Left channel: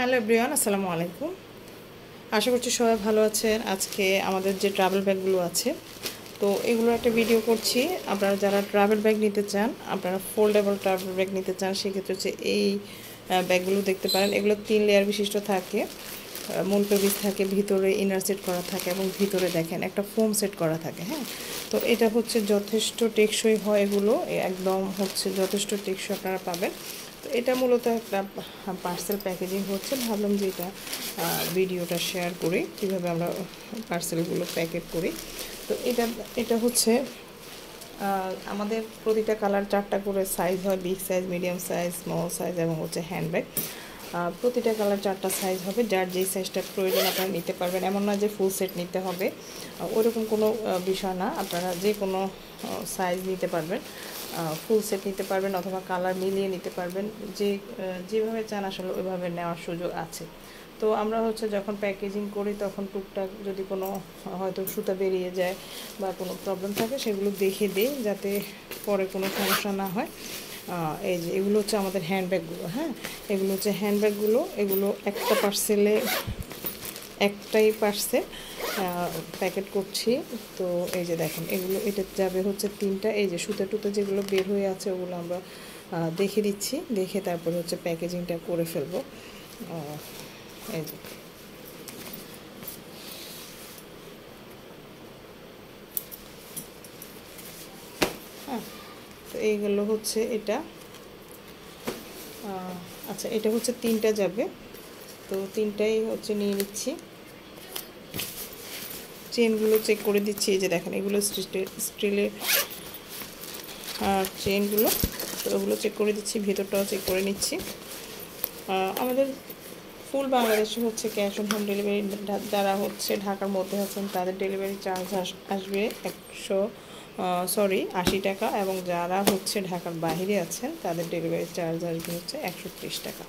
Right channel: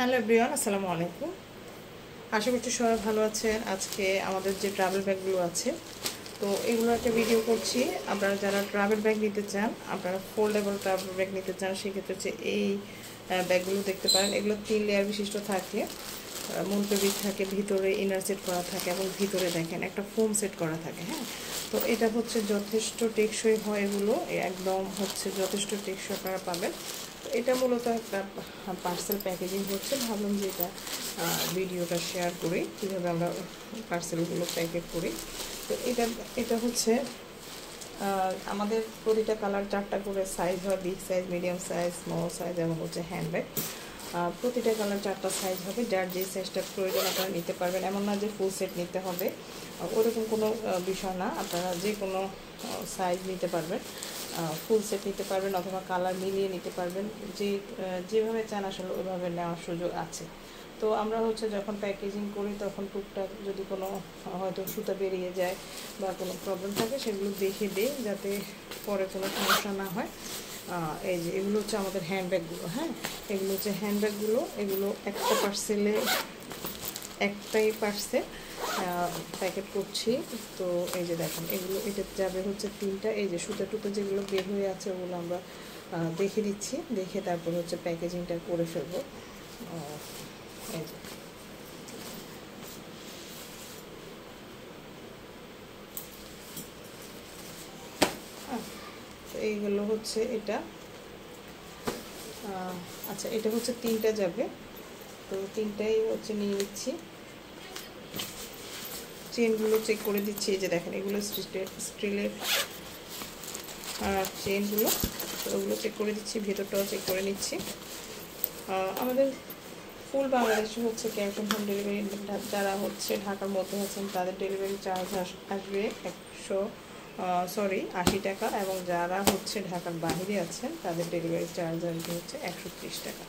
Hello everyone, আসসালামু আলাইকুম। আশা করছি সবাই ভালো আছেন। আজকে আমাদের যে ট্রাভেল ব্যাগগুলো আছে, তো এগুলো একটা ভিডিও করছি। আপনারা যারা ট্রাভেল ব্যাগ নিতে চান, আপনারা ফোল্ডেবল ট্রাভেল ব্যাগ নিতে চান, সেক্ষেত্রে হচ্ছে এই ব্যাগগুলো দেখতে পারেন। এগুলো 3 লেয়ার বিশিষ্ট থাকে। মূল পেবিস থাকে, ভিতরে ইনার সেট করা থাকে এবং ভিতরে দেখেন একটা ফোম সেট করা থাকে। হ্যাঁ, তো এটা হচ্ছে যথেষ্ট টেকসই হয়। এগুলো একদম হচ্ছে যথেষ্ট টেকসই আপনারা পাবেন। তো এটা মূলত একটা পার্সেল প্যাকেজিং হচ্ছে। ভাবলাম যে এটা ভিডিওটা শেয়ার করি কীভাবে আমরা পার্সেলগুলো প্যাকেট করি। তো এটা এটা হচ্ছে আমাদের প্রতিটা কালার 4টা করে সাইজ হয়। Big size, medium size, small size এবং হচ্ছে হ্যান্ডব্যাগ। প্রতিটা কালার 4টা সাইজ হবে। যার যেই সাইজটা প্রয়োজন আপনারা নিতে পারবেন। এমন না যে ফুল সেট নিতে হবে, ওরকম কোনো বিষয় না। আপনারা যে কোনো সাইজ নিতে পারবেন, ফুল সেট নিতে পারবেন অথবা কালার মিলিয়ে নিতে পারবেন। যেভাবে চান আসলে ওইভাবে নেওয়ার সুযোগ আছে। তো আমরা হচ্ছে যখন প্যাকেজিং করি তখন টুকটাক যদি কোনো হয়তো সুতা বেরিয়ে যায় বা কোনো প্রবলেম থাকে, সেগুলো দেখে দিই যাতে পরে কোনো সমস্যা না হয়। এই যে এগুলো হচ্ছে আমাদের হ্যান্ডব্যাগগুলো। হ্যাঁ, এগুলো হচ্ছে হ্যান্ডব্যাগগুলো। এগুলো একটা পার্সেলে, একটাই পার্সেল প্যাকেট করছি। তো এই যে দেখেন, এগুলো এটা যাবে হচ্ছে 3টা। এই যে সুতা টুতা যেগুলো বের হয়ে আছে ওগুলো আমরা দেখে দিচ্ছি, দেখে তারপরে হচ্ছে প্যাকেজিংটা করে ফেলবো। এই যে হ্যাঁ, তো এইগুলো হচ্ছে এটা। আচ্ছা, এটা হচ্ছে 3টা যাবে, তো 3টাই হচ্ছে নিয়ে নিচ্ছি। চেনগুলো চেক করে দিচ্ছি। এই যে দেখেন, এগুলো স্টিলের চেনগুলো, তো ওগুলো চেক করে দিচ্ছি, ভেতরটাও চেক করে নিচ্ছি। আমাদের ফুল বাংলাদেশে হচ্ছে ক্যাশ অন হোম ডেলিভারি। যারা হচ্ছে ঢাকার মধ্যে আছেন তাদের ডেলিভারি চার্জ আসবে 80 টাকা, এবং যারা হচ্ছে ঢাকার বাইরে আছেন তাদের ডেলিভারি চার্জ আসবে হচ্ছে 130 টাকা।